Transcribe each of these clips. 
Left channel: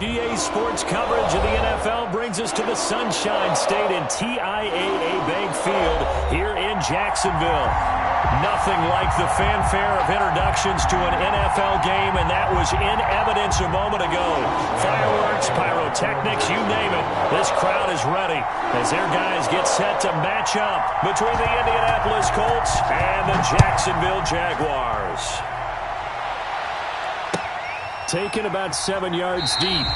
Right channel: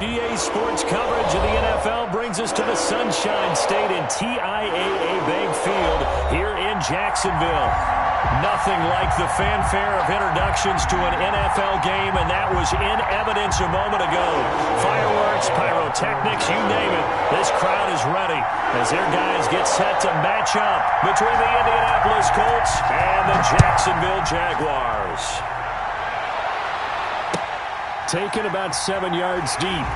EA Sports coverage of the NFL brings us to the Sunshine State in TIAA Bank Field here in Jacksonville. Nothing like the fanfare of introductions to an NFL game, and that was in evidence a moment ago. Fireworks, pyrotechnics, you name it. This crowd is ready as their guys get set to match up between the Indianapolis Colts and the Jacksonville Jaguars. Taken about 7 yards deep.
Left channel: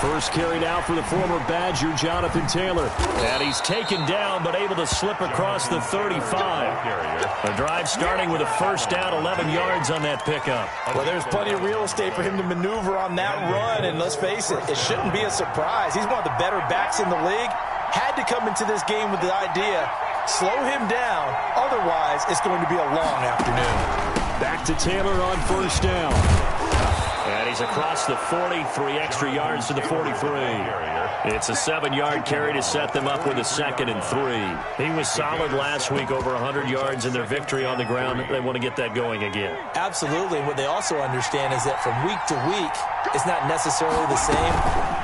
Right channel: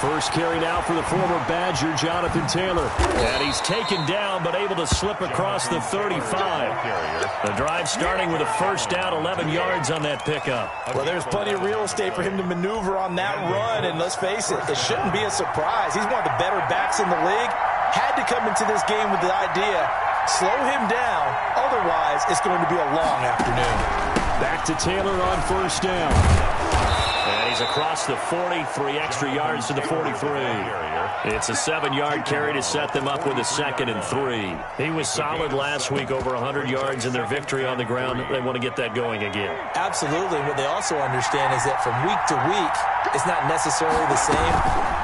First carry now for the former Badger, Jonathan Taylor. And he's taken down, but able to slip across the 35. The drive starting with a first down, 11 yards on that pickup. Well, there's plenty of real estate for him to maneuver on that run, and let's face it, it shouldn't be a surprise. He's one of the better backs in the league. Had to come into this game with the idea, slow him down, otherwise it's going to be a long afternoon. Back to Taylor on first down. And he's across the 40, 3 extra yards to the 43. It's a 7-yard carry to set them up with a 2nd and 3. He was solid last week, over 100 yards in their victory on the ground. They want to get that going again. Absolutely. What they also understand is that from week to week, it's not necessarily the same,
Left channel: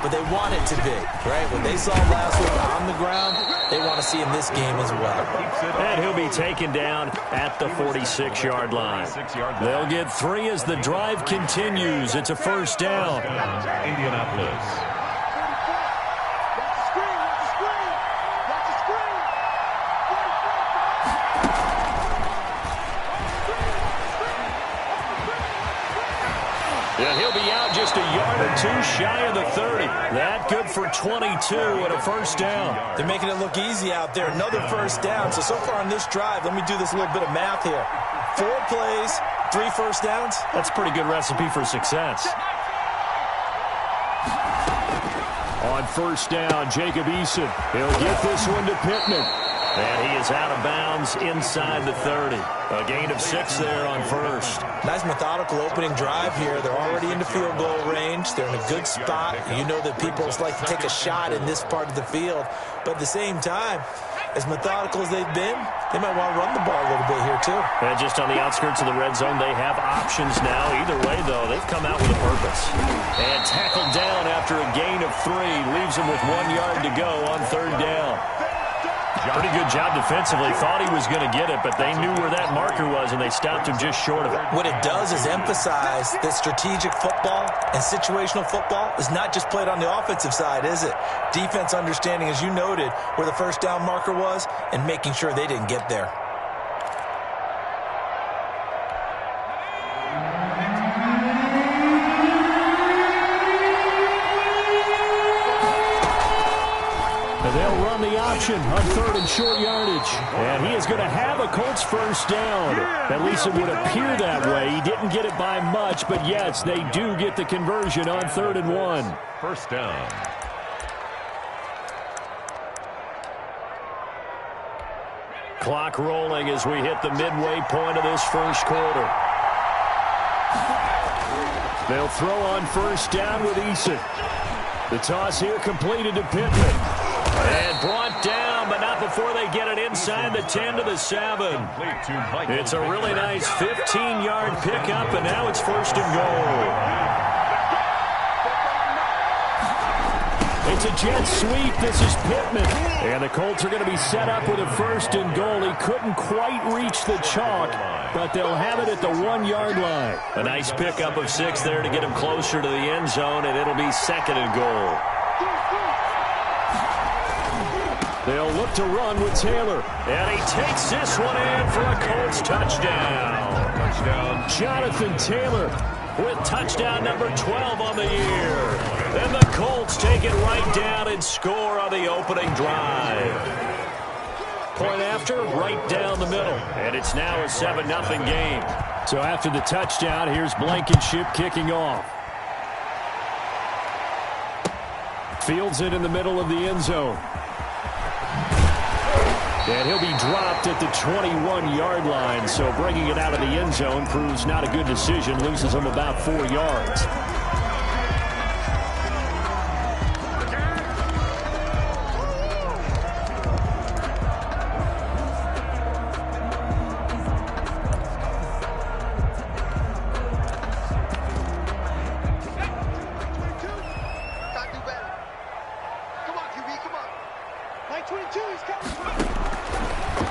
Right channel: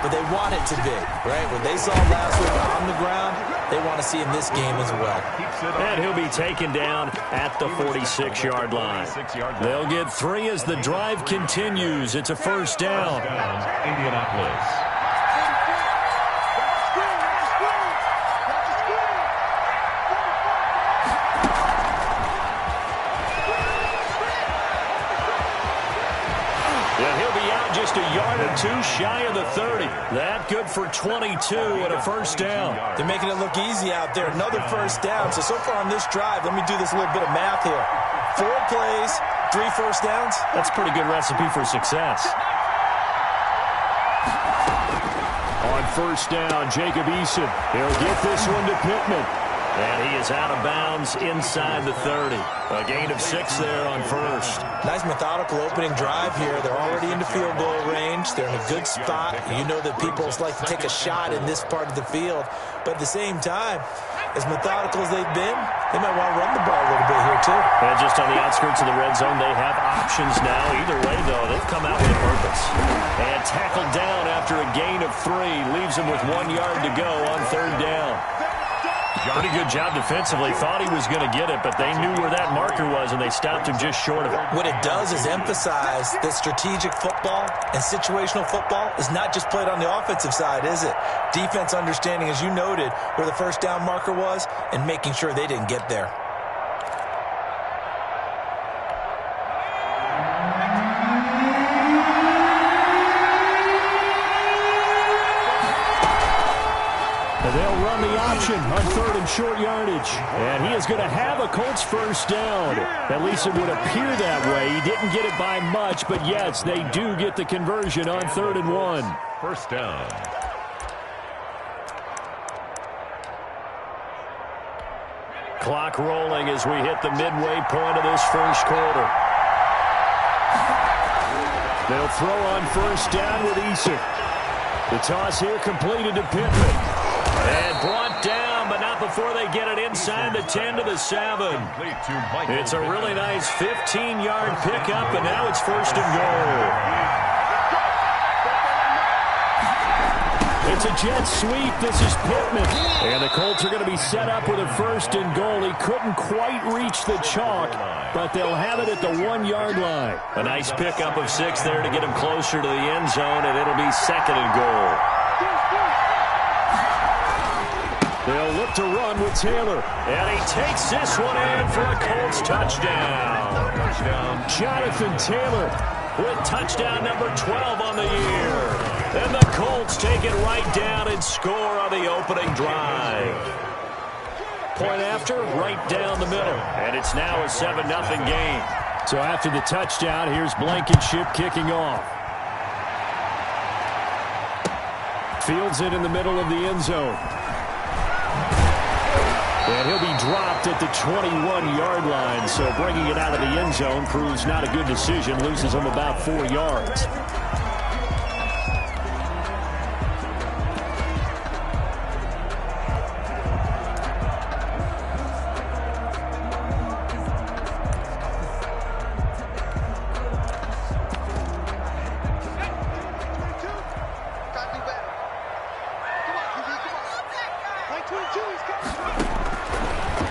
but they want it to be, right? What they saw last week on the ground, they want to see in this game as well. And he'll be taken down at the 46-yard line. They'll get 3 as the drive continues. It's a first down. Indianapolis. And he'll be out just a yard or 2 shy of the 30. That good for 22 and a first down. They're making it look easy out there. Another first down. So far on this drive, let me do this little bit of math here. 4 plays, 3 first downs. That's a pretty good recipe for success. On first down, Jacob Eason. He'll get this one to Pittman. And he is out of bounds inside the 30. A gain of 6 there on first. Nice methodical opening drive here. They're already into field goal range. They're in a good spot. You know that people like to take a shot in this part of the field. But at the same time, as methodical as they've been, they might want to run the ball a little bit here too. And just on the outskirts of the red zone, they have options now. Either way, though, they've come out with a purpose. And tackled down after a gain of 3. Leaves him with 1 yard to go on third down. Pretty good job defensively. Thought he was going to get it, but they knew where that marker was, and they stopped him just short of it. What it does is emphasize that strategic football and situational football is not just played on the offensive side, is it? Defense understanding, as you noted, where the first down marker was and making sure they didn't get there. They'll run the option on third and short yardage. And he is going to have a Colts first down. At least it would appear that way. He didn't get it by much, but yes, they do get the conversion on 3rd and 1. First down. Clock rolling as we hit the midway point of this first quarter. They'll throw on first down with Eason. The toss here completed to Pittman. And brought down, but not before they get it inside the 10 to the 7. It's a really nice 15-yard pickup, and now it's 1st and goal. It's a jet sweep. This is Pittman. And the Colts are going to be set up with a 1st and goal. He couldn't quite reach the chalk, but they'll have it at the 1-yard line. A nice pickup of 6 there to get him closer to the end zone, and it'll be 2nd and goal. They'll look to run with Taylor. And he takes this one in for a Colts touchdown. Jonathan Taylor with touchdown number 12 on the year. And the Colts take it right down and score on the opening drive. Point after, right down the middle. And it's now a 7-0 game. So after the touchdown, here's Blankenship kicking off. Fields it in the middle of the end zone. And he'll be dropped at the 21-yard line, so bringing it out of the end zone proves not a good decision, loses him about 4 yards.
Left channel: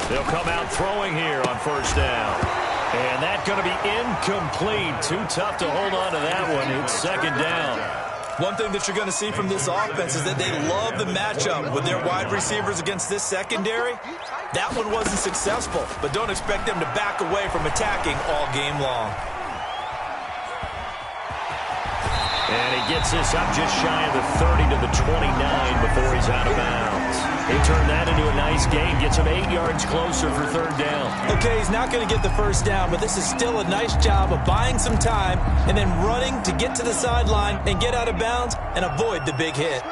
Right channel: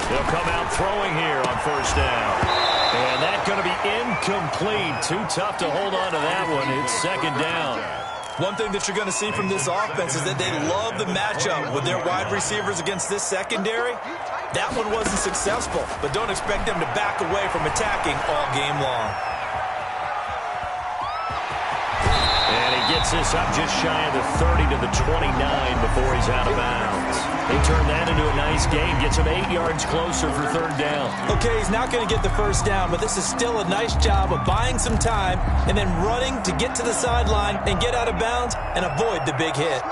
They'll come out throwing here on first down. And that's going to be incomplete. Too tough to hold on to that one. It's second down. One thing that you're going to see from this offense is that they love the matchup with their wide receivers against this secondary. That one wasn't successful, but don't expect them to back away from attacking all game long. And he gets this up just shy of the 30 to the 29 before he's out of bounds. He turned that into a nice gain, gets him 8 yards closer for third down. Okay, he's not going to get the first down, but this is still a nice job of buying some time and then running to get to the sideline and get out of bounds and avoid the big hit.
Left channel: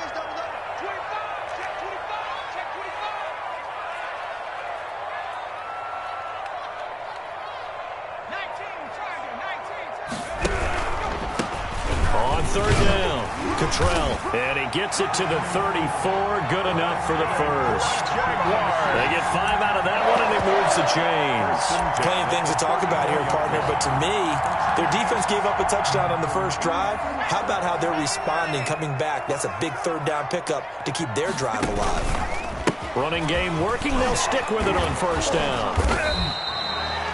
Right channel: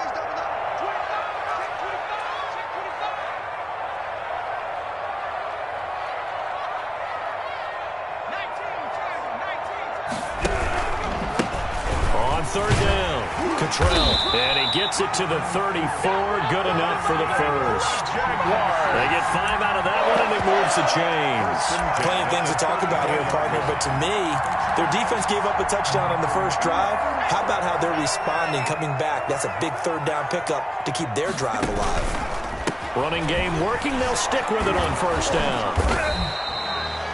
On third down, Cottrell. And he gets it to the 34. Good enough for the first. They get 5 out of that one, and it moves the chains. Plenty of things to talk about here, partner, but to me, their defense gave up a touchdown on the first drive. How about how they're responding, coming back? That's a big third down pickup to keep their drive alive. Running game working. They'll stick with it on first down.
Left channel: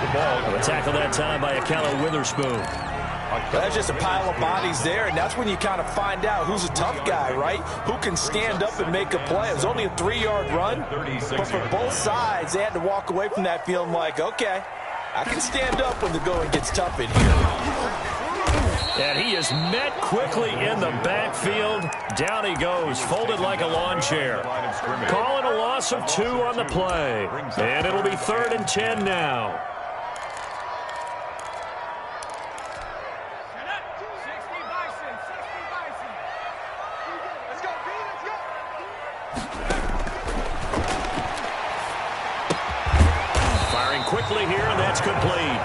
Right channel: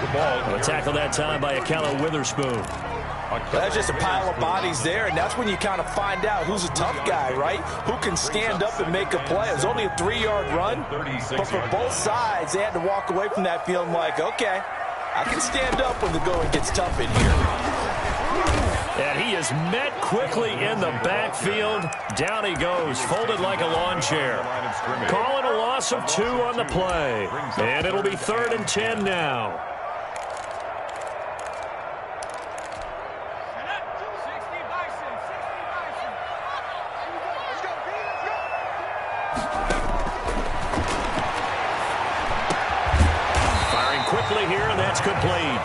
A tackle that time by Akella Witherspoon. That's just a pile of bodies there, and that's when you kind of find out who's a tough guy, right? Who can stand up and make a play. It was only a 3-yard run, but for both sides, they had to walk away from that feeling like, okay, I can stand up when the going gets tough in here. And he is met quickly in the backfield. Down he goes, folded like a lawn chair. Calling a loss of 2 on the play. And it'll be 3rd and 10 now. Firing quickly here, and that's complete.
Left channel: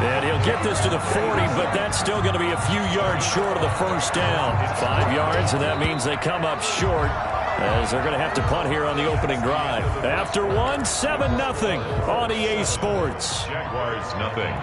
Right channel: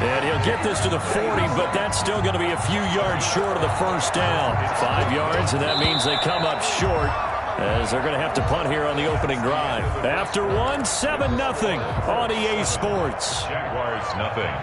And he'll get this to the 40, but that's still going to be a few yards short of the first down. 5 yards, and that means they come up short as they're going to have to punt here on the opening drive. After 1, 7-0 on EA Sports. Jaguars nothing.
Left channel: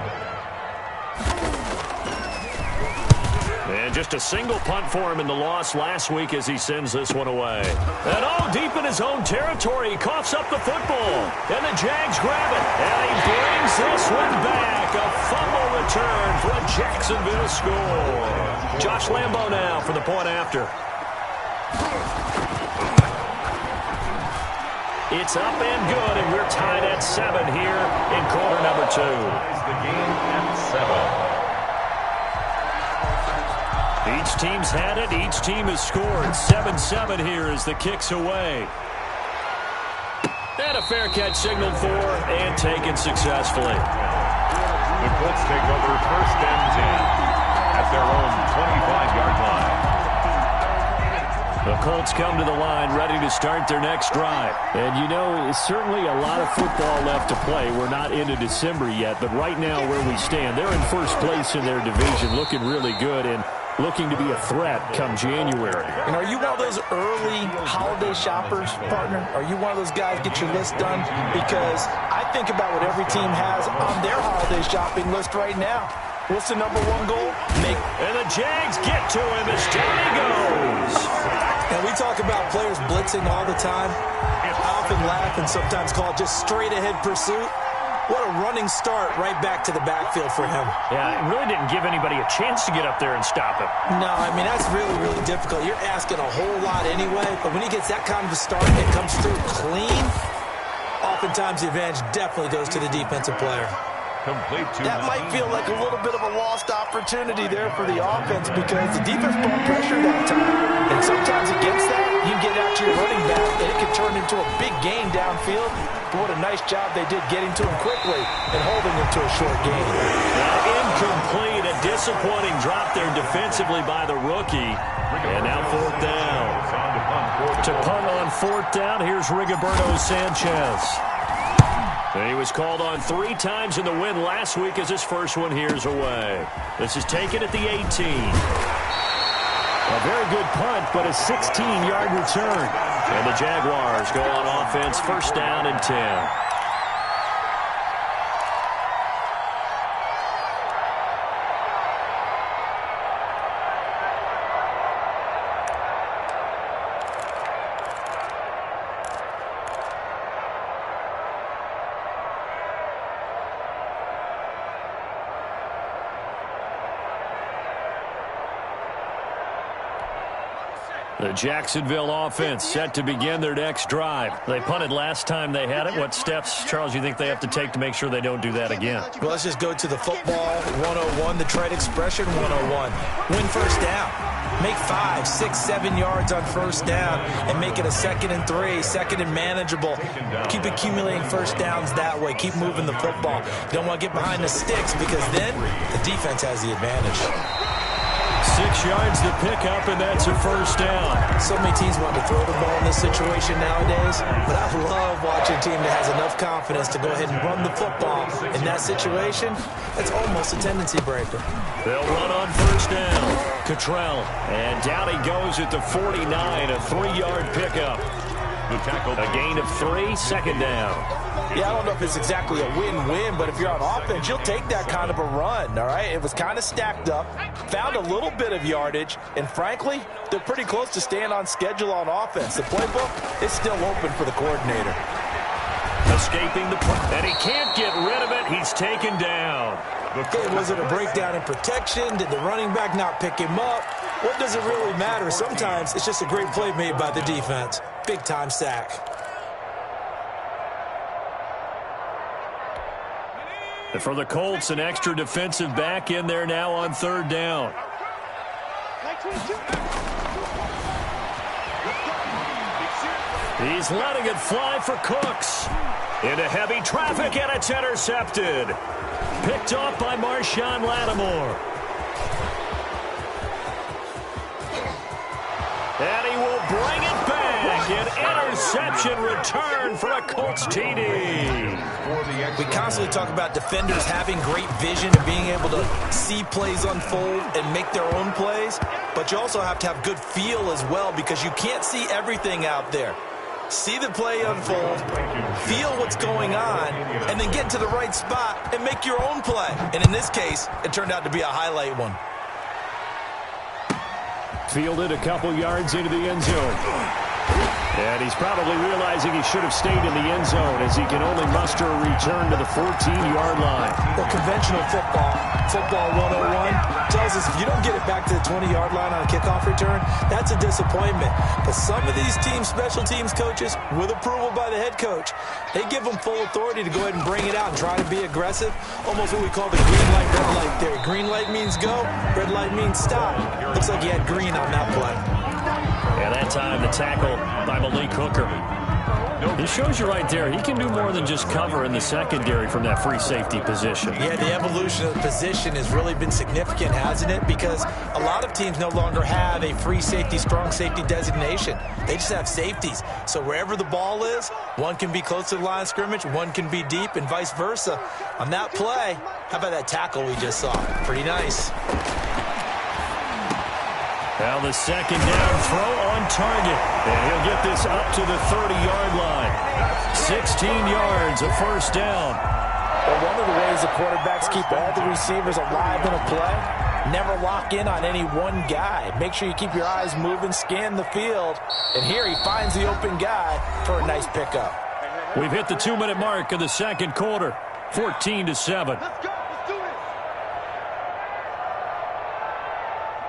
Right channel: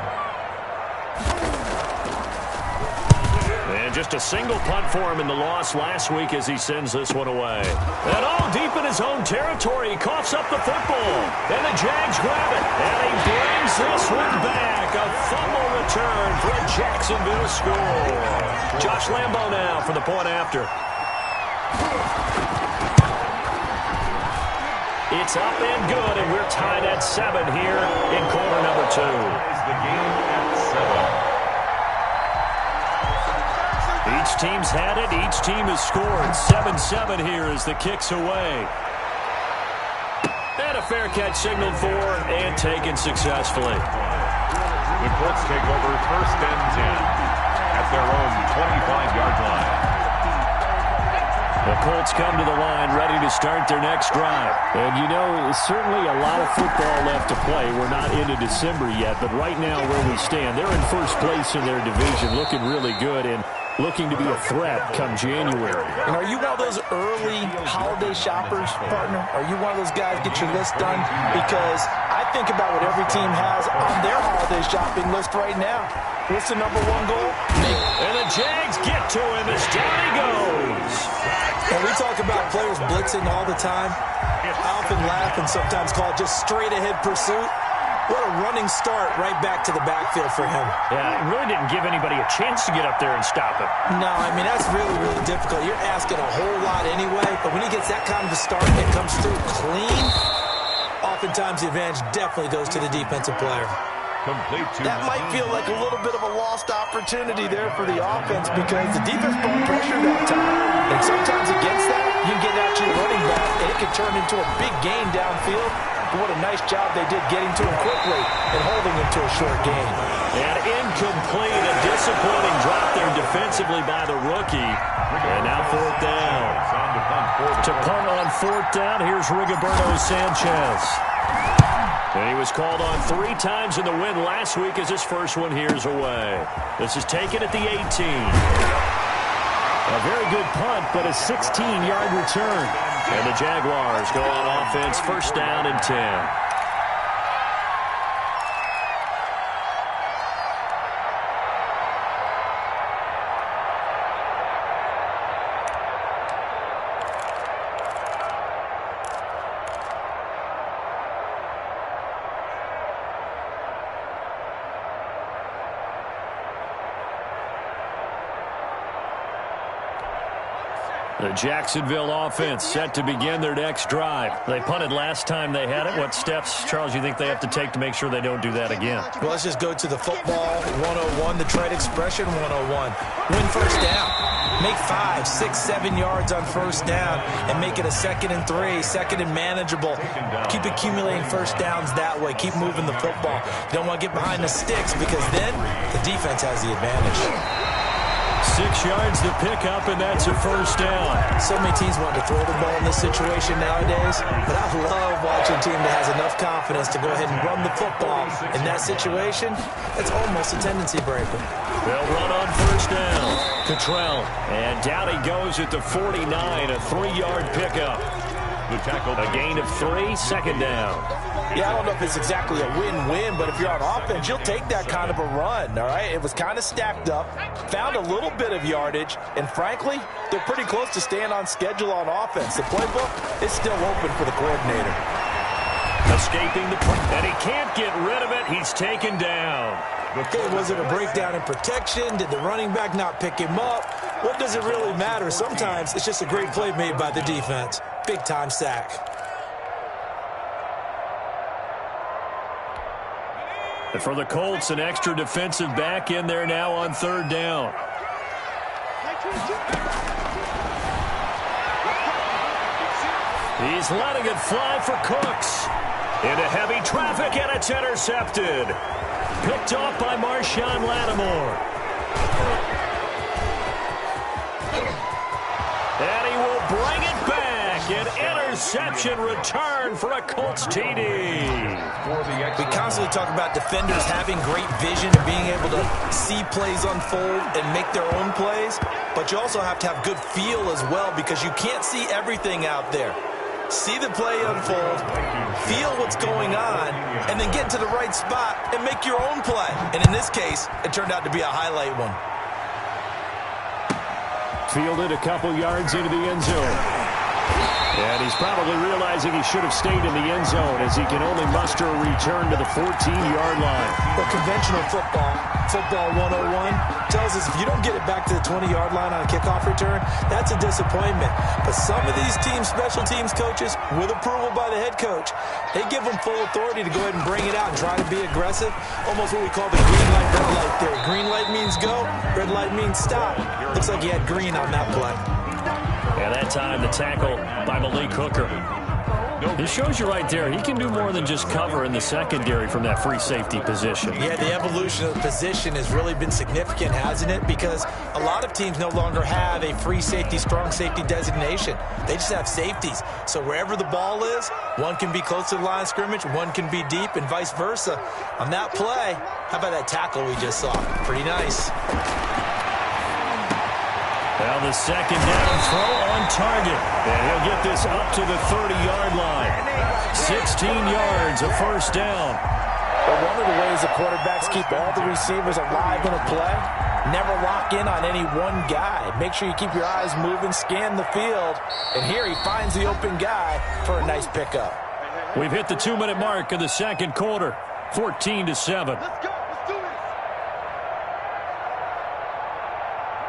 And just a single punt for him in the loss last week as he sends this one away. And all deep in his own territory, he coughs up the football. And the Jags grab it. And he brings this one back. A fumble return for a Jacksonville score. Josh Lambo now for the point after. It's up and good, and we're tied at 7 here in quarter number 2. Ties the game at 7. Each team's had it. Each team has scored. 7-7 here as the kick's away. And a fair catch signaled for and taken successfully. The Colts take over 1st and 10 at their own 25-yard line. The Colts come to the line ready to start their next drive. And, you know, it's certainly a lot of football left to play. We're not into December yet, but right now where we stand, they're in first place in their division, looking really good and looking to be a threat come January. And are you one of those early holiday shoppers, partner? Are you one of those guys get your list done? Because I think about what every team has on their holiday shopping list right now. What's the number 1 goal? And the Jags get to him as down he goes. And we talk about players blitzing all the time. I often laugh and sometimes call it just straight-ahead pursuit. What a running start right back to the backfield for him. Yeah, it really didn't give anybody a chance to get up there and stop him. No, I mean, that's really, really difficult. You're asking a whole lot anyway, but when he gets that kind of a start and comes through clean, oftentimes the advantage definitely goes to the defensive player. Complete to that might feel like a little bit of a lost opportunity there for the offense because the defense brought pressure that time. And sometimes against that, you can get out to your running back, and it can turn into a big gain downfield. But what a nice job they did getting to him quickly and holding him to a short gain. And incomplete, a disappointing drop there defensively by the rookie. And now 4th down. To punt on 4th down, here's Rigoberto Sanchez. And he was called on 3 times in the win last week as his first one here's away. This is taken at the 18. A very good punt, but a 16-yard return. And the Jaguars go on offense, 1st down and 10. The Jacksonville offense set to begin their next drive. They punted last time they had it. What steps, Charles, you think they have to take to make sure they don't do that again? Well, let's just go to the football 101, the trade expression 101. Win 1st down. Make 5, 6, 7 yards on 1st down and make it a 2nd and 3, 2nd and manageable. Keep accumulating 1st downs that way. Keep moving the football. You don't want to get behind the sticks because then the defense has the advantage. 6 yards to pick up, and that's a 1st down. So many teams want to throw the ball in this situation nowadays, but I love watching a team that has enough confidence to go ahead and run the football. In that situation, it's almost a tendency breaker. They'll run on 1st down. Cottrell, and down he goes at the 49, a 3-yard pickup. The tackle. A gain of 3, 2nd down. Yeah, I don't know if it's exactly a win-win, but if you're on offense, you'll take that kind of a run, all right? It was kind of stacked up, found a little bit of yardage, and frankly, they're pretty close to staying on schedule on offense. The playbook is still open for the coordinator. Escaping the play, and he can't get rid of it. He's taken down. Hey, was it a breakdown in protection? Did the running back not pick him up? What does it really matter? Sometimes it's just a great play made by the defense. Big-time sack. And for the Colts, an extra defensive back in there now on 3rd down. He's letting it fly for Cooks. Into heavy traffic, and it's intercepted. Picked off by Marshawn Lattimore. And he will bring it back. An interception return for a Colts TD. We constantly talk about defenders having great vision and being able to see plays unfold and make their own plays. But you also have to have good feel as well because you can't see everything out there. See the play unfold, feel what's going on, and then get to the right spot and make your own play. And in this case, it turned out to be a highlight one. Fielded a couple yards into the end zone. And he's probably realizing he should have stayed in the end zone as he can only muster a return to the 14-yard line. Well, conventional football 101, tells us if you don't get it back to the 20-yard line on a kickoff return, that's a disappointment. But some of these teams, special teams coaches, with approval by the head coach, they give them full authority to go ahead and bring it out and try to be aggressive. Almost what we call the green light, red light theory. Green light means go, red light means stop. Looks like he had green on that play. And that time, the tackle by Malik Hooker. It shows you right there, he can do more than just cover in the secondary from that free safety position. Yeah, the evolution of the position has really been significant, hasn't it? Because a lot of teams no longer have a free safety, strong safety designation. They just have safeties. So wherever the ball is, one can be close to the line of scrimmage, one can be deep, and vice versa. On that play, how about that tackle we just saw? Pretty nice. Now the 2nd down throw on target. And he'll get this up to the 30-yard line. 16 yards, a 1st down. Well, one of the ways the quarterbacks keep all the receivers alive in a play, never lock in on any one guy. Make sure you keep your eyes moving, scan the field. And here he finds the open guy for a nice pickup. We've hit the 2-minute mark of the 2nd quarter, 14-7. Let's go.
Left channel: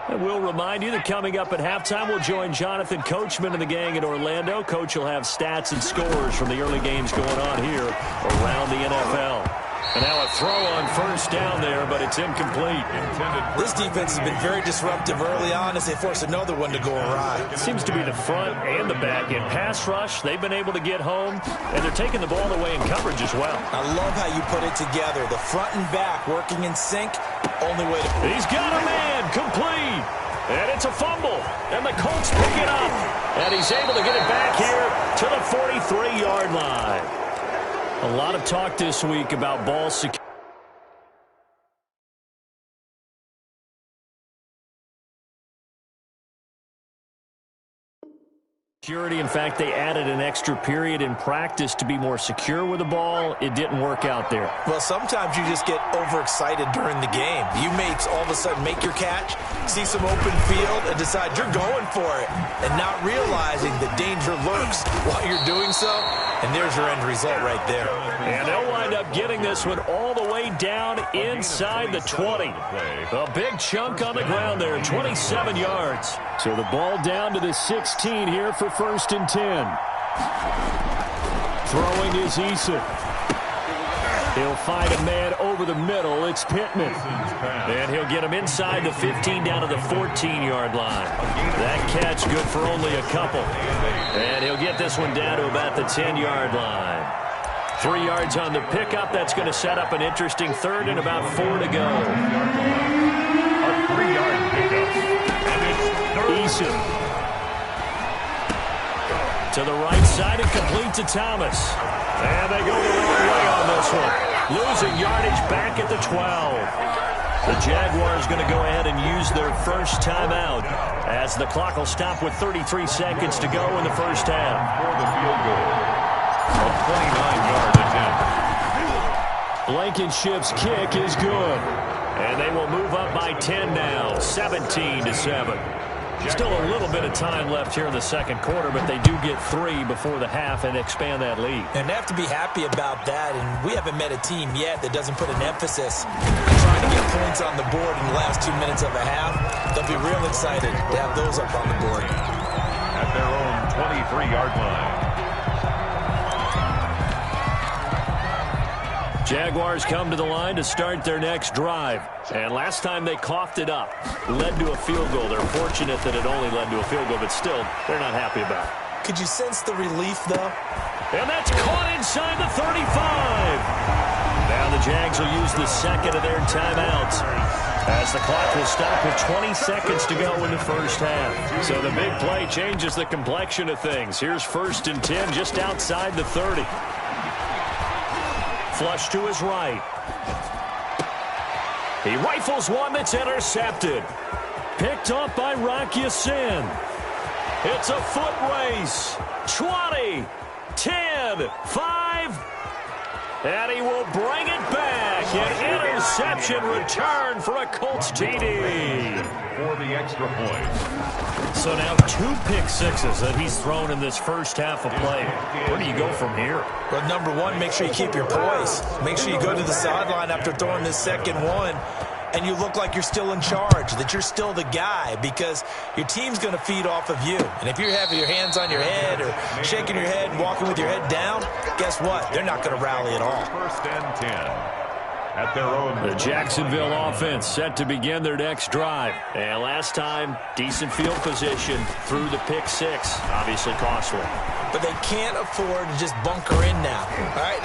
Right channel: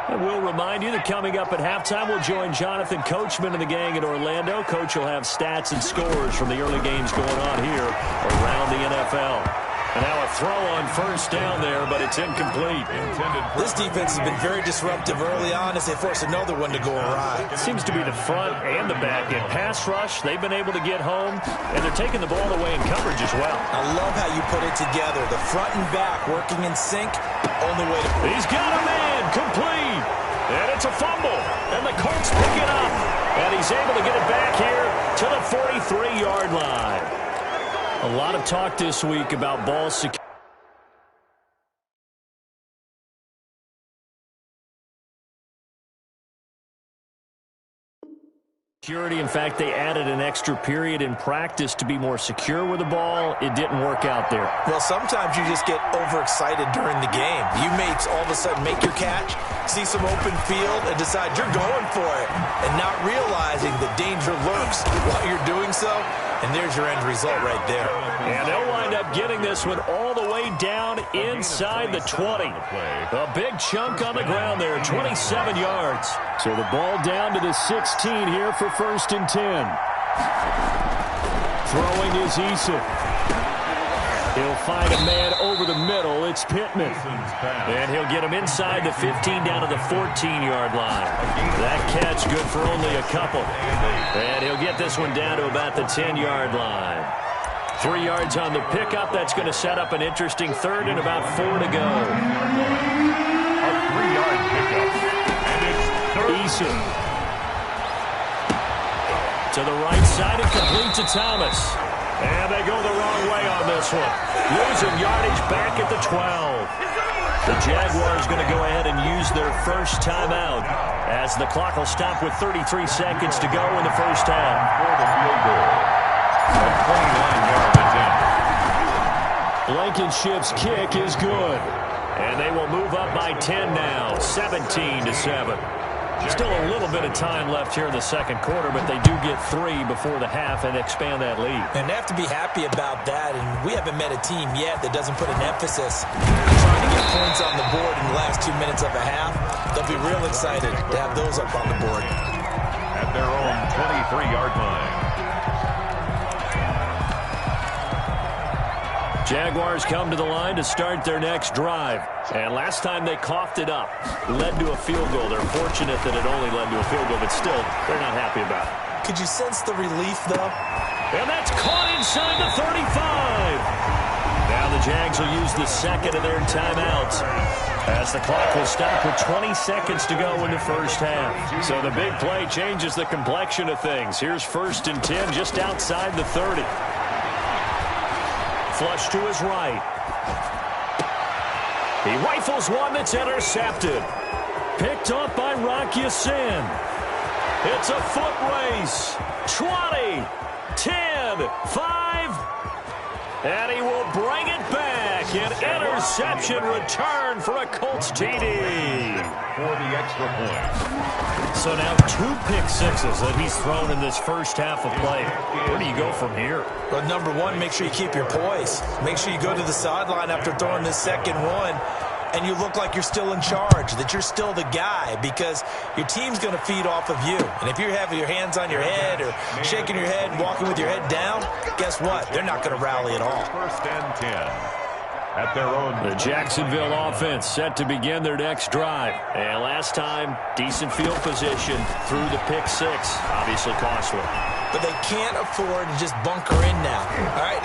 And we'll remind you that coming up at halftime, we'll join Jonathan Coachman and the gang in Orlando. Coach will have stats and scores from the early games going on here around the NFL. And now a throw on 1st down there, but it's incomplete. This defense has been very disruptive early on as they force another one to go awry. It seems to be the front and the back end. Pass rush, they've been able to get home, and they're taking the ball away in coverage as well. I love how you put it together. The front and back working in sync, only way to... He's got a man, complete. And it's a fumble. And the Colts pick it up. And he's able to get it back here to the 43-yard line. A lot of talk this week about ball security. In fact, they added an extra period in practice to be more secure with the ball. It didn't work out there. Well, sometimes you just get overexcited during the game. You may all of a sudden make your catch, see some open field, and decide you're going for it, and not realizing the danger lurks while you're doing so. And there's your end result right there. And they'll wind up getting this one all the way down inside the 20. A big chunk on the ground there, 27 yards. So the ball down to the 16 here for 1st and 10. Throwing is Eason. He'll find a man over the middle. It's Pittman. And he'll get him inside the 15 down to the 14-yard line. That catch good for only a couple. And he'll get this one down to about the 10-yard line. 3 yards on the pickup. That's going to set up an interesting third and about 4 to go. A 3-yard pickup. And it's third. Eason. To the right side and complete to Thomas. And they go the wrong way on this one. Losing yardage back at the 12. The Jaguars going to go ahead and use their first timeout as the clock will stop with 33 seconds to go in the first half. For the field goal. A 29-yard attempt. Blankenship's kick is good. And they will move up by 10 now, 17-7. Still a little bit of time left here in the second quarter, but they do get 3 before the half and expand that lead. And they have to be happy about that, and we haven't met a team yet that doesn't put an emphasis trying to get points on the board in the last 2 minutes of a half. They'll be real excited to have those up on the board. At their own 23-yard line. Jaguars come to the line to start their next drive. And last time they coughed it up, led to a field goal. They're fortunate that it only led to a field goal, but still, they're not happy about it. Could you sense the relief, though? And that's caught inside the 35. Now the Jags will use the second of their timeouts as the clock will stop with 20 seconds to go in the first half. So the big play changes the complexion of things. Here's 1st and 10 just outside the 30. Flush to his right. He rifles one that's intercepted. Picked up by Rock Ya-Sin. It's a foot race. 20, 10, 5. And he will bring it back. An interception return for a Colts TD. For the extra point. So now 2 pick sixes that he's thrown in this first half of play. Where do you go from here? Well, number one, make sure you keep your poise. Make sure you go to the sideline after throwing this second one, and you look like you're still in charge, that you're still the guy, because your team's going to feed off of you. And if you're having your hands on your head or shaking your head and walking with your head down, guess what? They're not going to rally at all. 1st and 10. At their own. The Jacksonville offense set to begin their next drive. And last time, decent field position through the pick six. Obviously costly. But they can't afford to just bunker in now. All right,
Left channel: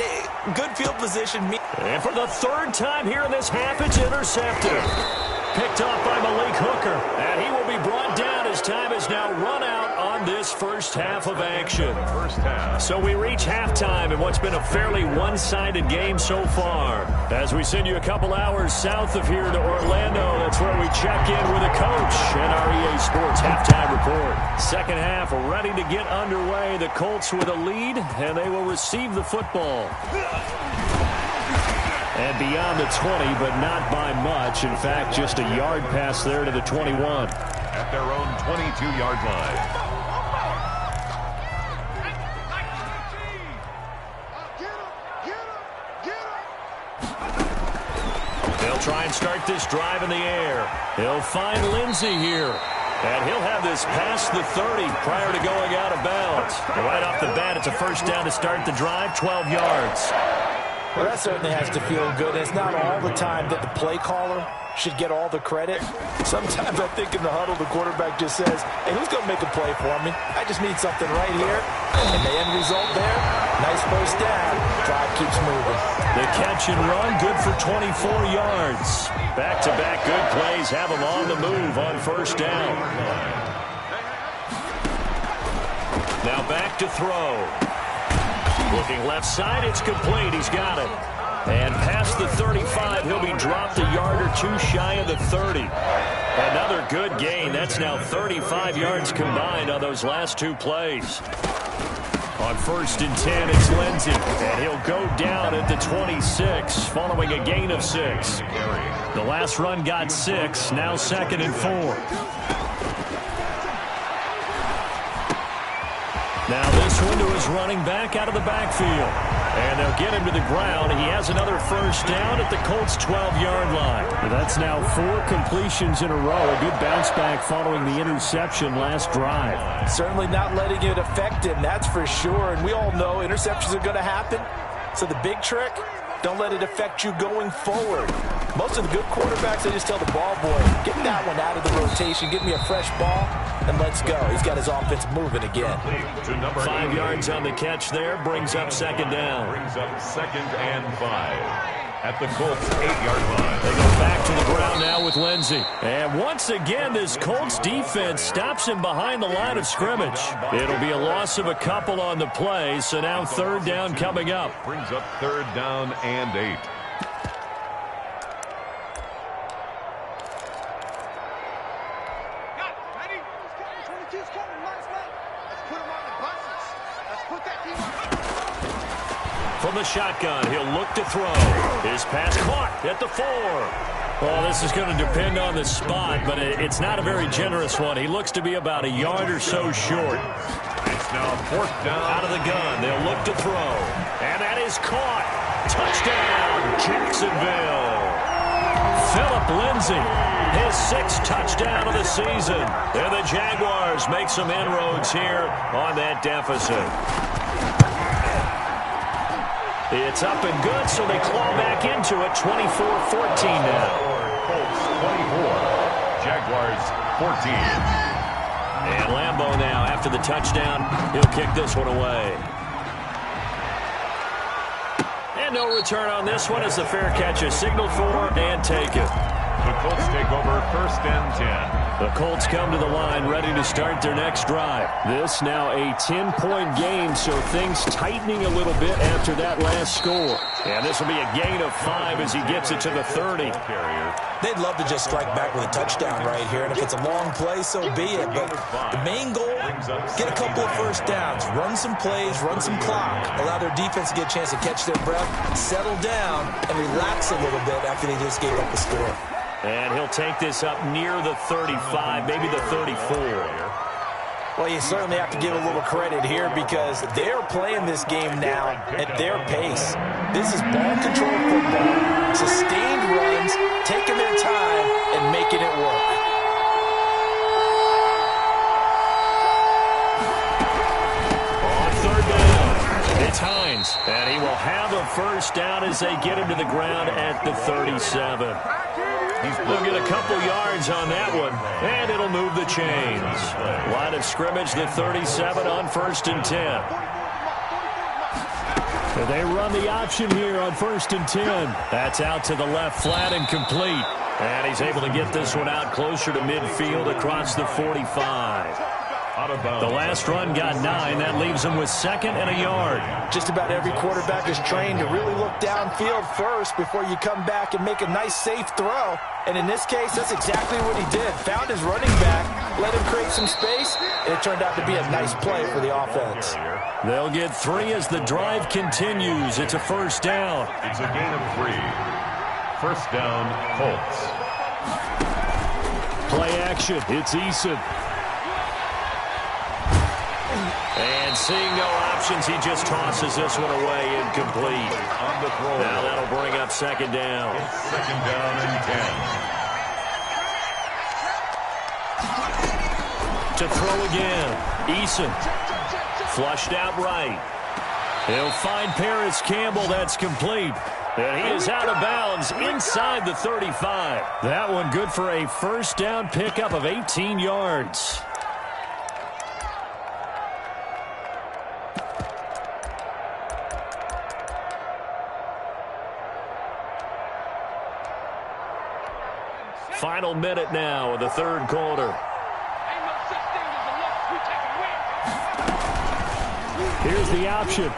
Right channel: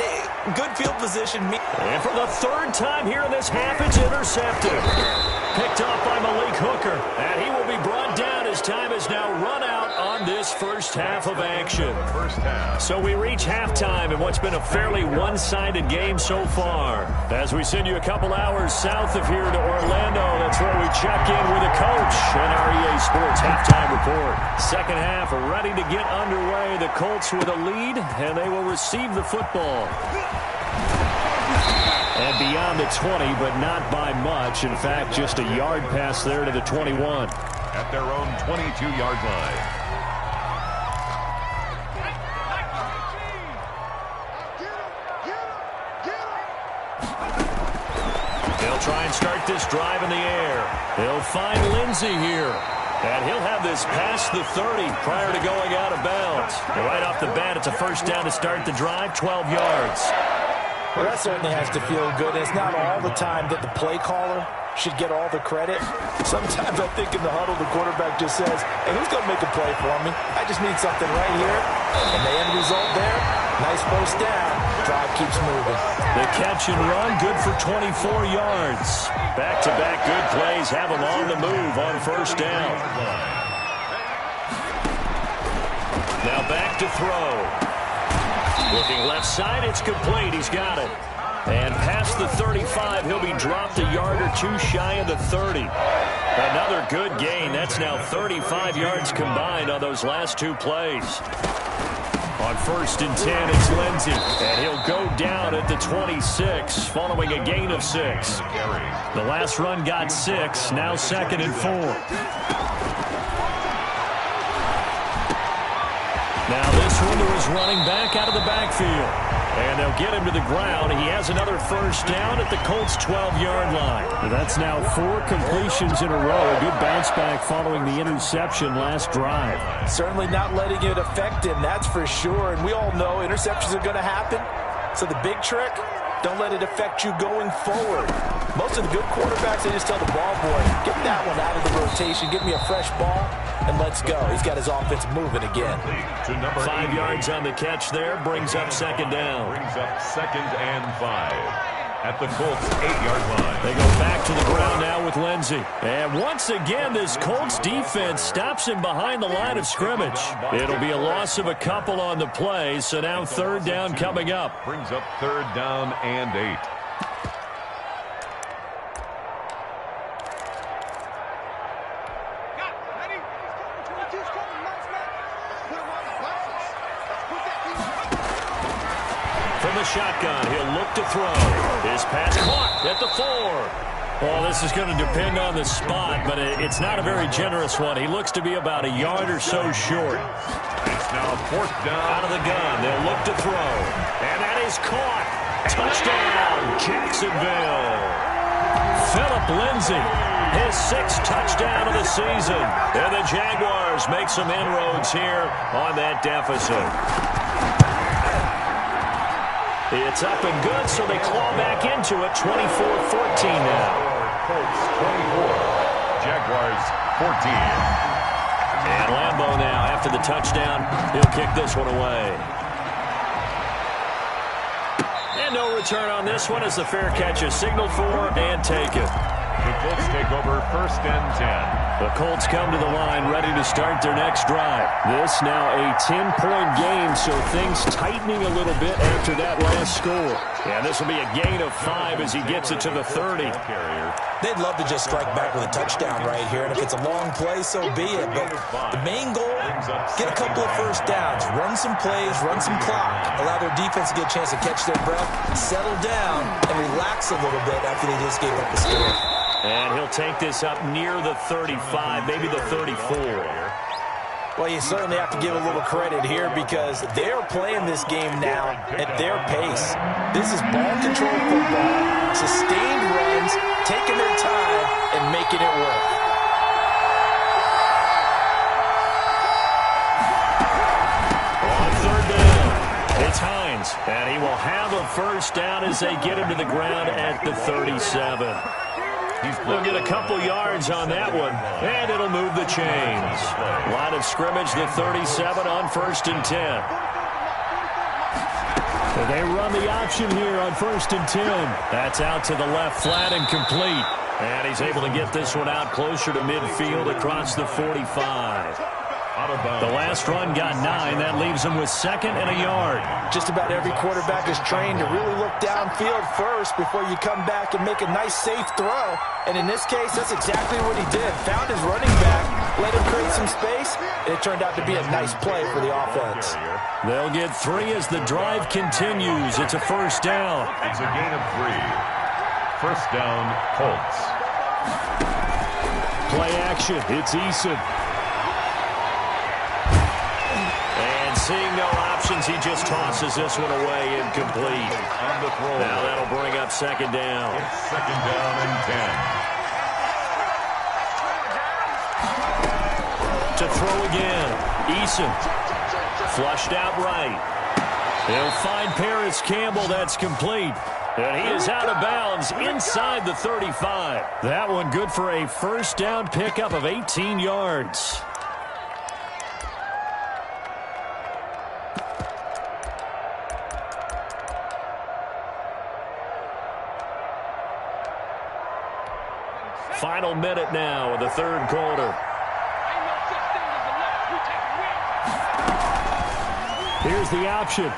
good field position. And for the 3rd time here in this half, it's intercepted. Picked off by Malik Hooker. And he will be brought down as time is now run out on this first half of action. So we reach halftime in what's been a fairly one-sided game so far. As we send you a couple hours south of here to Orlando, that's where we check in with the coach and our EA Sports halftime report. Second half ready to get underway. The Colts with a lead, and they will receive the football. And beyond the 20, but not by much. In fact, just a yard pass there to the 21. At their own 22-yard line. They'll try and start this drive in the air. He'll find Lindsey here. And he'll have this past the 30 prior to going out of bounds. And right off the bat, it's a first down to start the drive, 12 yards. Well, that certainly has to feel good. It's not all the time that the play caller should get all the credit. Sometimes I think in the huddle, the quarterback just says, hey, who's going to make a play for me? I just need something right here. And the end result there, nice first down. Drive keeps moving. The catch and run, good for 24 yards. Back-to-back good plays have them on the move on first down. Now back to throw. Looking left side, it's complete. He's got it. And past the 35, he'll be dropped a yard or two shy of the 30. Another good gain. That's now 35 yards combined on those last two plays. On 1st and 10, it's Lindsey. And he'll go down at the 26 following a gain of 6. The last run got 6. Now 2nd and 4. Now this one to his running back out of the backfield. And they'll get him to the ground. He has another first down at the Colts' 12-yard line. That's now 4 completions in a row. A good bounce back following the interception last drive. Certainly not letting it affect him, that's for sure. And we all know interceptions are going to happen. So the big trick, don't let it affect you going forward. Most of the good quarterbacks, they just tell the ball boy, get that one out of the rotation, give me a fresh ball, and let's go. He's got his offense moving again. 5 yards on the catch there, brings up 2nd down. Brings up 2nd and 5 at the Colts' 8-yard line. They go back to the ground now with Lindsey. And once again, this Colts defense stops him behind the line of scrimmage. It'll be a loss of a couple on the play, so now 3rd down coming up. Brings up 3rd down and 8. From the shotgun, he'll look to throw. His pass caught at the 4. Well, this is going to depend on the spot, but it's not a very generous one. He looks to be about a yard or so short. It's now 4th down. Out of the gun, they'll look to throw. And that is caught. Touchdown, Jacksonville. Phillip Lindsay, his 6th touchdown of the season. And the Jaguars make some inroads here on that deficit. It's up and good, so they claw back into it, 24-14 now. Colts 24, Jaguars 14. And Lambeau now, after the touchdown, he'll kick this one away. And no return on this one as the fair catch is signaled for and taken. The Colts take over 1st and 10. The Colts come to the line ready to start their next drive. This now a 10-point game, so things tightening a little bit after that last score. And this will be a gain of 5 as he gets it to the 30. They'd love to just strike back with a touchdown right here, and if it's a long play, so be it. But the main goal, get a couple of first downs, run some plays, run some clock, allow their defense to get a chance to catch their breath, settle down, and relax a little bit after they just gave up the score. And he'll take this up near the 35, maybe the 34. Well, you certainly have to give a little credit here because they're playing this game now at their pace. This is ball control football, sustained runs, taking their time and making it work. On 3rd down, it's Hines, and he will have a first down as they get him to the ground at the 37. He'll get a couple yards on that one, and it'll move the chains. Line of scrimmage, the 37 on 1st and 10. So they run the option here on 1st and 10. That's out to the left flat and complete. And he's able to get this one out closer to midfield across the 45. The last run got 9. That leaves him with 2nd and a yard. Just about every quarterback is trained to really look downfield first before you come back and make a nice, safe throw. And in this case, that's exactly what he did. Found his running back, let him create some space, and it turned out to be a nice play for the offense. They'll get 3 as the drive continues. It's a first down. It's a gain of 3. First down, Colts. Play action. It's Eason. And seeing no options, he just tosses this one away incomplete. On the throw. Now that'll bring up 2nd down. It's 2nd down and 10. To throw again. Eason. Flushed out right. He'll find Paris Campbell. That's complete. And he is out of bounds inside the 35. That one good for a first down pickup of 18 yards. Final minute now of the 3rd quarter. Here's the option.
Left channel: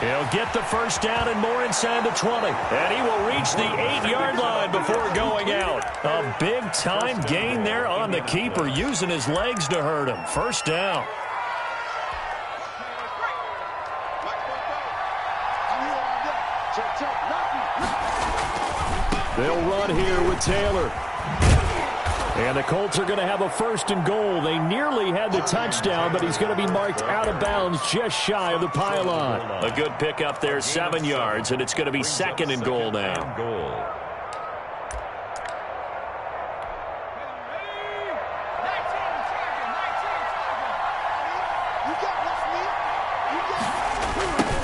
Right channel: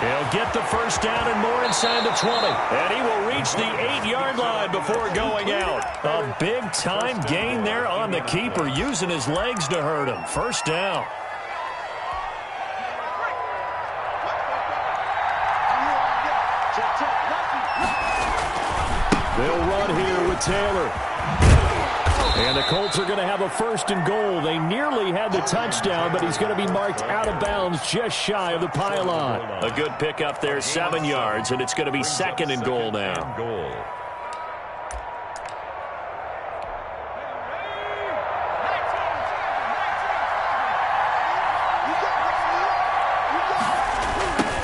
He'll get the first down and more inside the 20. And he will reach the 8-yard line before going out. A big-time gain there on the keeper, using his legs to hurt him. First down. They'll run here with Taylor. And the Colts are going to have a 1st and goal. They nearly had the touchdown, but he's going to be marked out of bounds just shy of the pylon. A good pickup there, 7 yards, and it's going to be 2nd and goal now.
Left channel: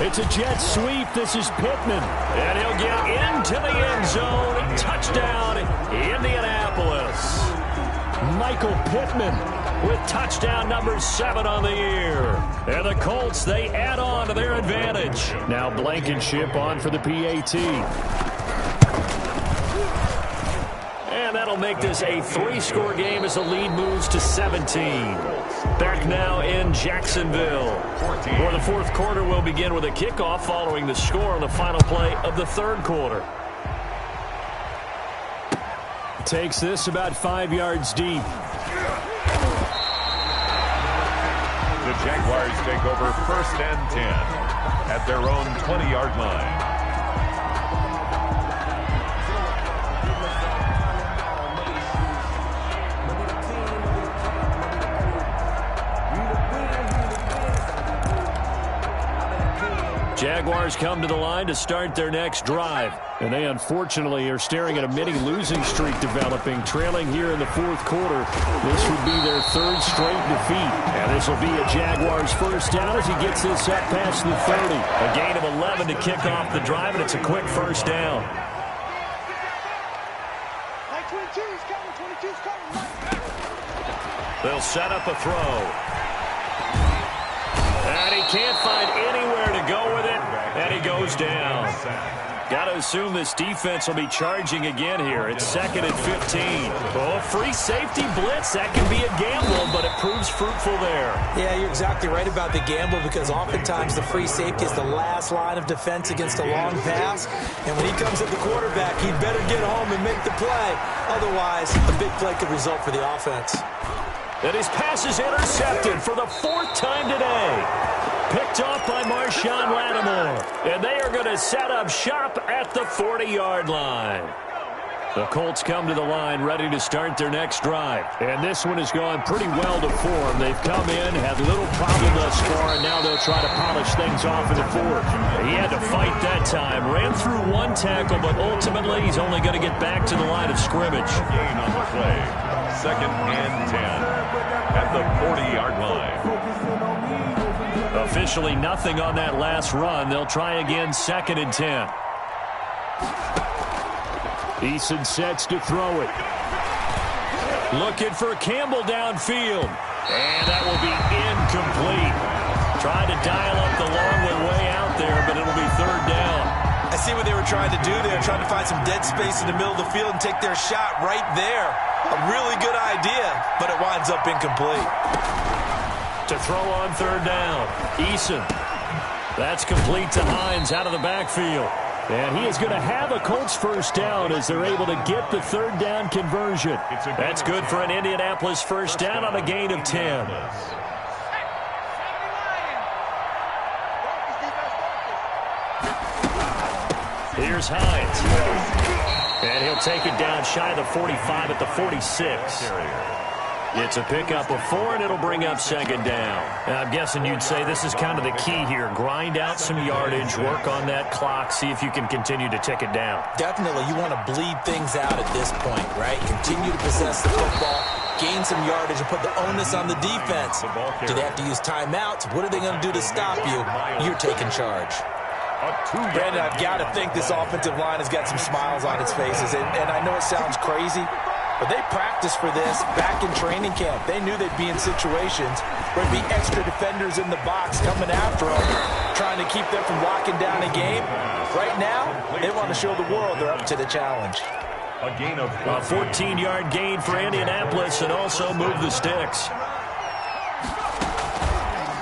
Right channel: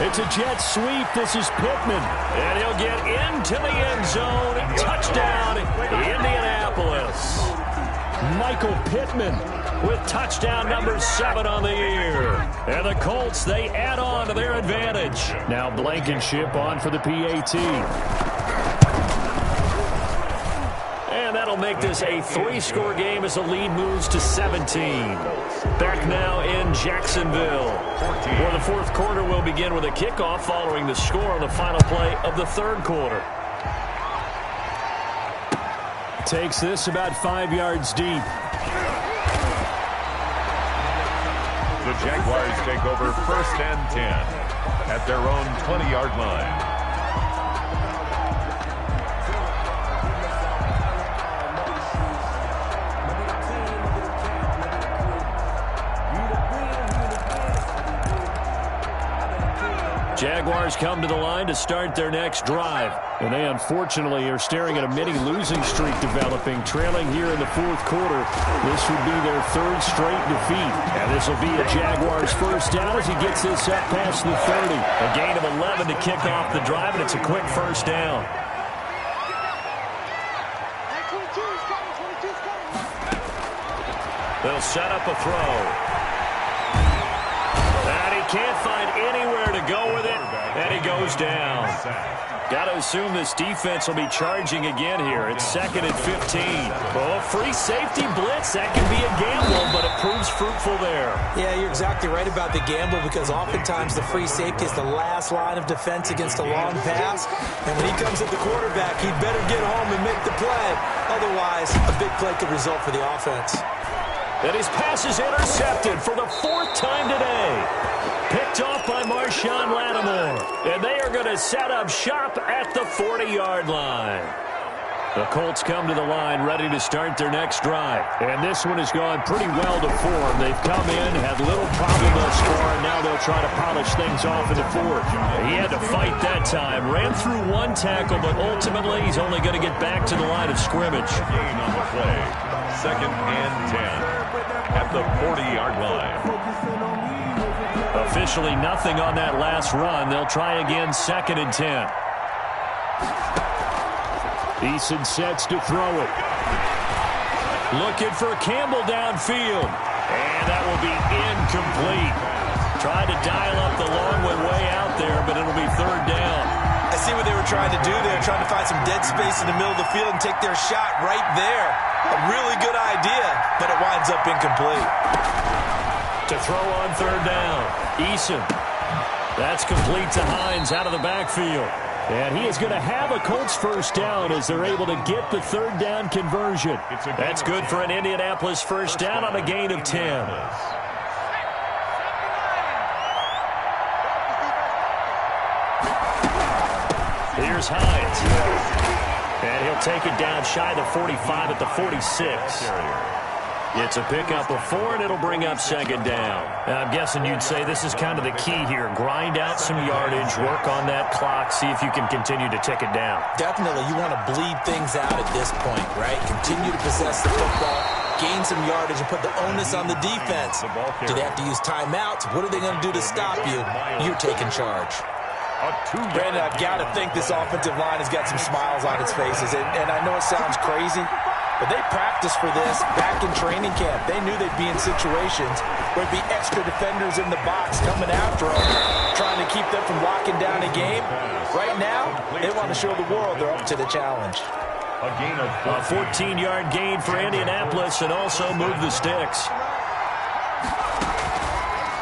It's a jet sweep. This is Pittman. And he'll get into the end zone. Touchdown, Indianapolis. Michael Pittman with touchdown number 7 on the year. And the Colts, they add on to their advantage. Now Blankenship on for the PAT. And that'll make this a 3-score game as the lead moves to 17. Back now in Jacksonville. For the 4th quarter, we'll begin with a kickoff following the score on the final play of the 3rd quarter. Takes this about 5 yards deep. The Jaguars take over 1st and 10 at their own 20-yard line. Jaguars come to the line to start their next drive. And they unfortunately are staring at a mini losing streak developing, trailing here in the 4th quarter. This would be their 3rd straight defeat. And this will be a Jaguars 1st down as he gets this up past the 30. A gain of 11 to kick off the drive, and it's a quick 1st down. They'll set up a throw. And he can't find anywhere to go with it, and he goes down. Got to assume this defense will be charging again here. It's 2nd and 15. Oh, free safety blitz. That can be a gamble, but it proves fruitful there. Yeah, you're exactly right about the gamble, because oftentimes the free safety is the last line of defense against a long pass. And when he comes at the quarterback, he'd better get home and make the play. Otherwise, a big play could result for the offense. And his pass is intercepted for the 4th time today. Picked off by Marshawn Lattimore. And they are going to set up shop at the 40-yard line. The Colts come to the line ready to start their next drive. And this one has gone pretty well to form. They've come in, had little problem thus far, and now they'll try to polish things off in the 4th. He had to fight that time. Ran through 1 tackle, but ultimately he's only going to get back to the line of scrimmage. Gain on the play. 2nd and 10 at the 40-yard line. Officially nothing on that last run. They'll try again, 2nd and 10. Eason sets to throw it. Looking for Campbell downfield. And that will be incomplete. Tried to dial up the long way out there, but it'll be 3rd down. I see what they were trying to do there, trying to find some dead space in the middle of the field and take their shot right there. A really good idea, but it winds up incomplete. To throw on 3rd down. Eason. That's complete to Hines out of the backfield. And he is going to have a Colts 1st down as they're able to get the 3rd down conversion. That's good for an Indianapolis 1st down on a gain of 10. Here's Hines. And he'll take it down shy of the 45 at the 46. It's a pickup of 4, and it'll bring up 2nd down. I'm guessing you'd say this is kind of the key here. Grind out some yardage, work on that clock, see if you can continue to tick it down. Definitely. You want to bleed things out at this point, right? Continue to possess the football, gain some yardage, and put the onus on the defense. Do they have to use timeouts? What are they going to do to stop you? You're taking charge. Brandon, I've got to think this offensive line has got some smiles on its faces. And I know it sounds crazy, but they practiced for this back in training camp. They knew they'd be in situations where there'd be extra defenders in the box coming after them, trying to keep them from locking down a game. Right now, they want to show the world they're up to the challenge. A gain of a 14-yard gain for Indianapolis, and also move the sticks.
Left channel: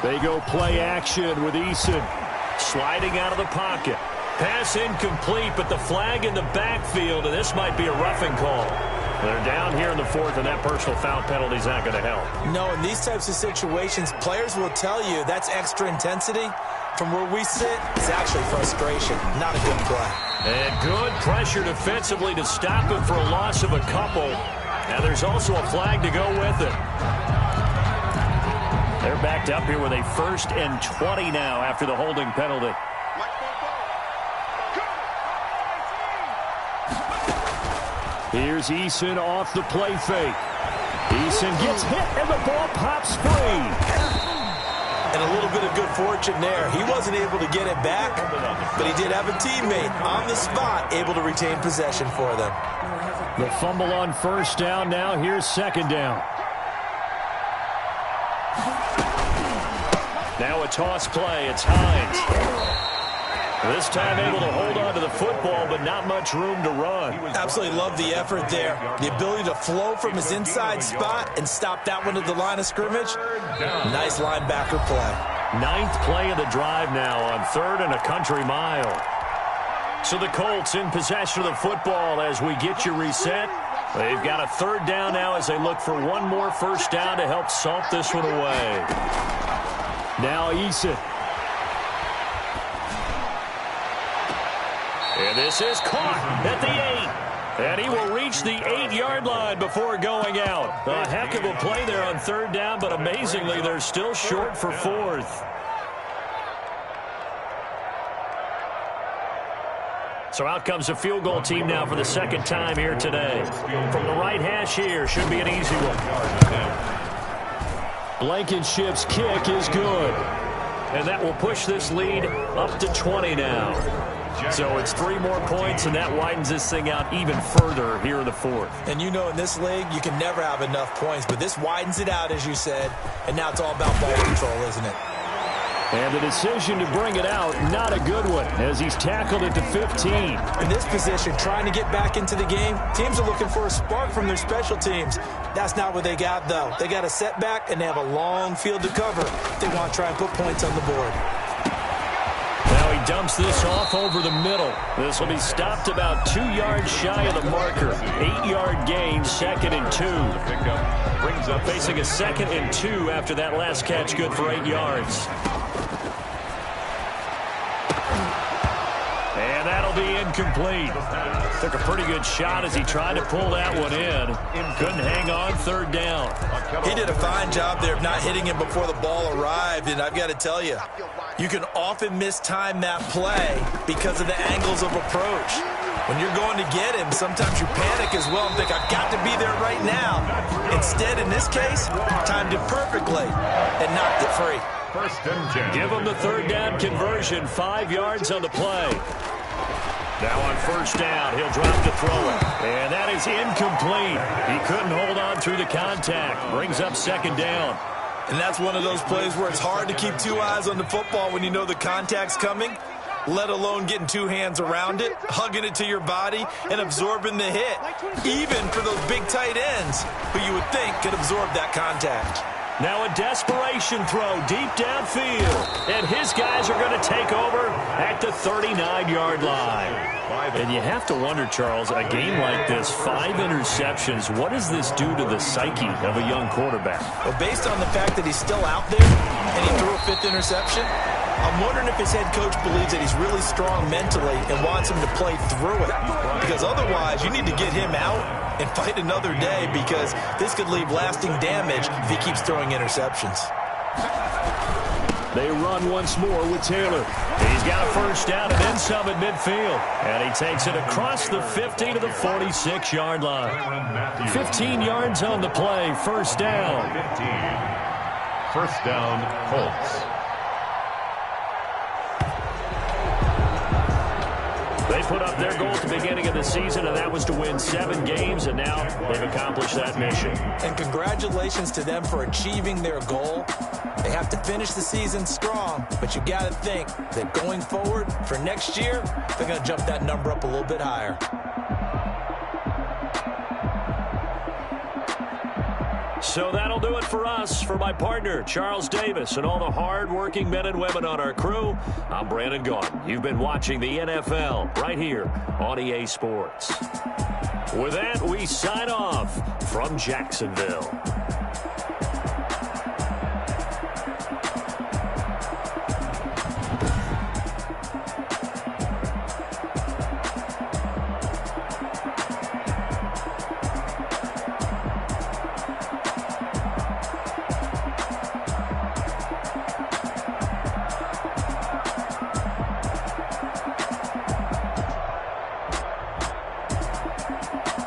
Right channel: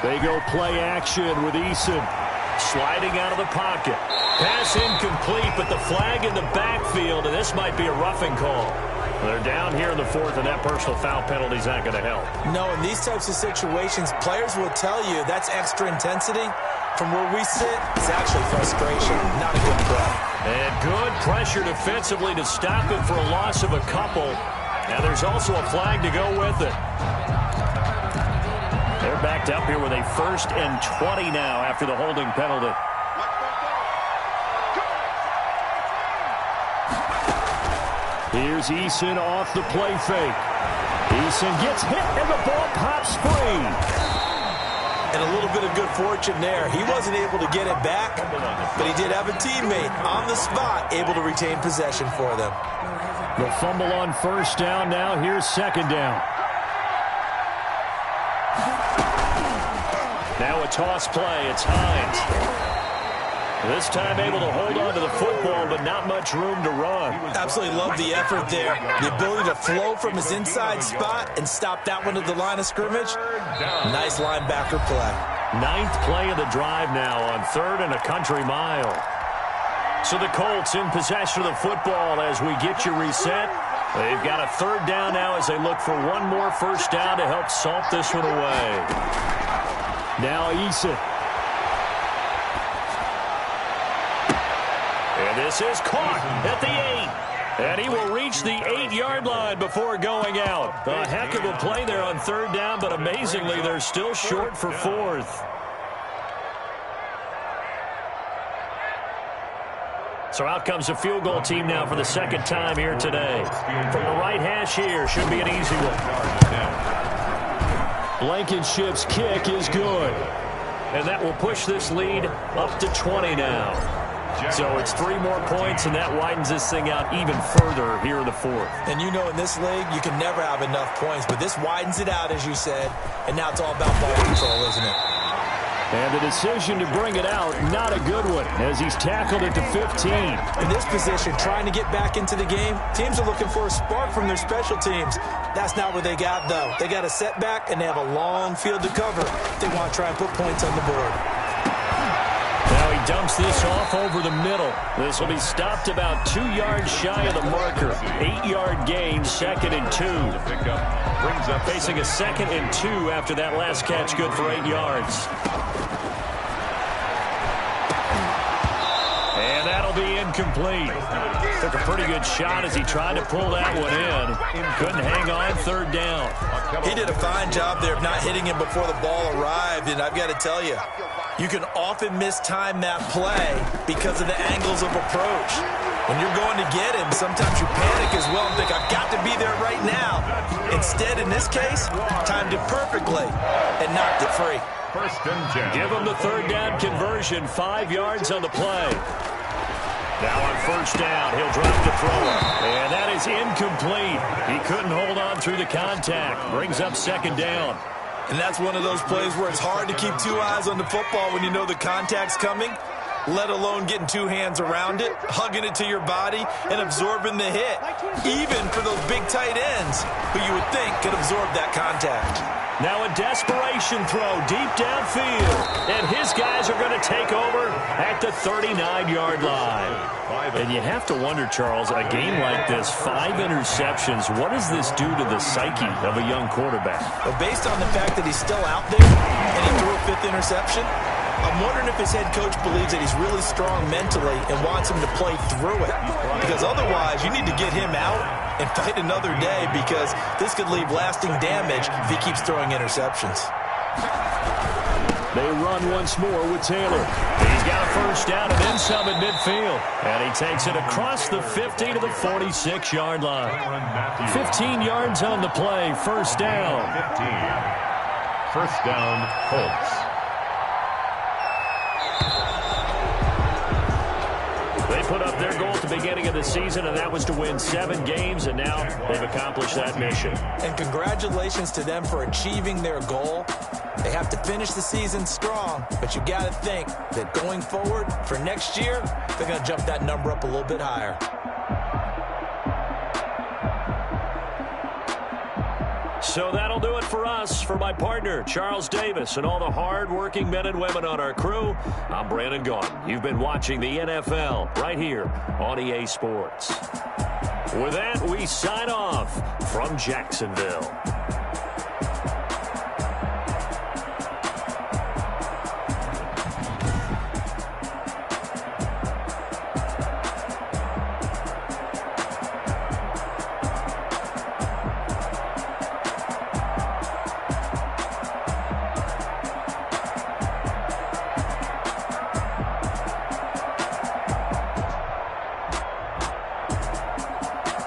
They go play action with Eason. Sliding out of the pocket. Pass incomplete, but the flag in the backfield, and this might be a roughing call. They're down here in the fourth, and that personal foul penalty is not going to help. No, in these types of situations, players will tell you that's extra intensity. From where we sit, it's actually frustration, not a good play. And good pressure defensively to stop it for a loss of a couple. And there's also a flag to go with it. They're backed up here with a 1st and 20 now after the holding penalty. Here's Eason off the play fake. Eason gets hit and the ball pops free. And a little bit of good fortune there. He wasn't able to get it back, but he did have a teammate on the spot able to retain possession for them. The fumble on 1st down now. Here's 2nd down. Now a toss play. It's Hines. This time able to hold on to the football, but not much room to run. Absolutely love the effort there. The ability to flow from his inside spot and stop that one at the line of scrimmage. Nice linebacker play. 9th play of the drive now on 3rd and a country mile. So the Colts in possession of the football as we get you reset. They've got a 3rd down now as they look for one more 1st down to help salt this one away. Now Eason. And this is caught at the 8. And he will reach the 8-yard line before going out. A heck of a play there on 3rd down, but amazingly, they're still short for 4th. So out comes the field goal team now for the 2nd time here today. From the right hash here, should be an easy one. Blankenship's kick is good. And that will push this lead up to 20 now. So it's 3 more points, and that widens this thing out even further here in the 4th. And you know in this league, you can never have enough points, but this widens it out, as you said, and now it's all about ball control, isn't it? And the decision to bring it out, not a good one, as he's tackled it to 15. In this position, trying to get back into the game, teams are looking for a spark from their special teams. That's not what they got, though. They got a setback, and they have a long field to cover. They want to try and put points on the board. Now he dumps this off over the middle. This will be stopped about 2 yards shy of the marker. 8-yard gain, 2nd and 2. Brings up facing a 2nd and 2 after that last catch, good for 8 yards. And that'll be incomplete. Took a pretty good shot as he tried to pull that one in. Couldn't hang on, 3rd down. He did a fine job there of not hitting him before the ball arrived, and I've got to tell you, you can often mistime that play because of the angles of approach. When you're going to get him, sometimes you panic as well and think, I've got to be there right now. Instead, in this case, timed it perfectly and knocked it free. 1st and 10. Give him the 3rd down conversion, 5 yards on the play. Now on 1st down, he'll drop to throw it. And that is incomplete. He couldn't hold on through the contact. Brings up 2nd down. And that's one of those plays where it's hard to keep 2 eyes on the football when you know the contact's coming, let alone getting 2 hands around it, hugging it to your body, and absorbing the hit, even for those big tight ends who you would think could absorb that contact. Now a desperation throw deep downfield. And his guys are going to take over at the 39-yard line. And you have to wonder, Charles, a game like this, 5 interceptions, what does this do to the psyche of a young quarterback? Well, based on the fact that he's still out there and he threw a 5th interception, I'm wondering if his head coach believes that he's really strong mentally and wants him to play through it. Because otherwise, you need to get him out and fight another day, because this could leave lasting damage if he keeps throwing interceptions. They run once more with Taylor. He's got a 1st down and then some at midfield. And he takes it across the 50 to the 46-yard line. 15 yards on the play, 1st down. 15. 1st down, Colts. They put up their goal at the beginning of the season, and that was to win 7 games, and now they've accomplished that mission. And congratulations to them for achieving their goal. They have to finish the season strong, but you got to think that going forward for next year, they're going to jump that number up a little bit higher. So that'll do it for us. For my partner, Charles Davis, and all the hard-working men and women on our crew, I'm Brandon Gaudin. You've been watching the NFL right here on EA Sports. With that, we sign off from Jacksonville.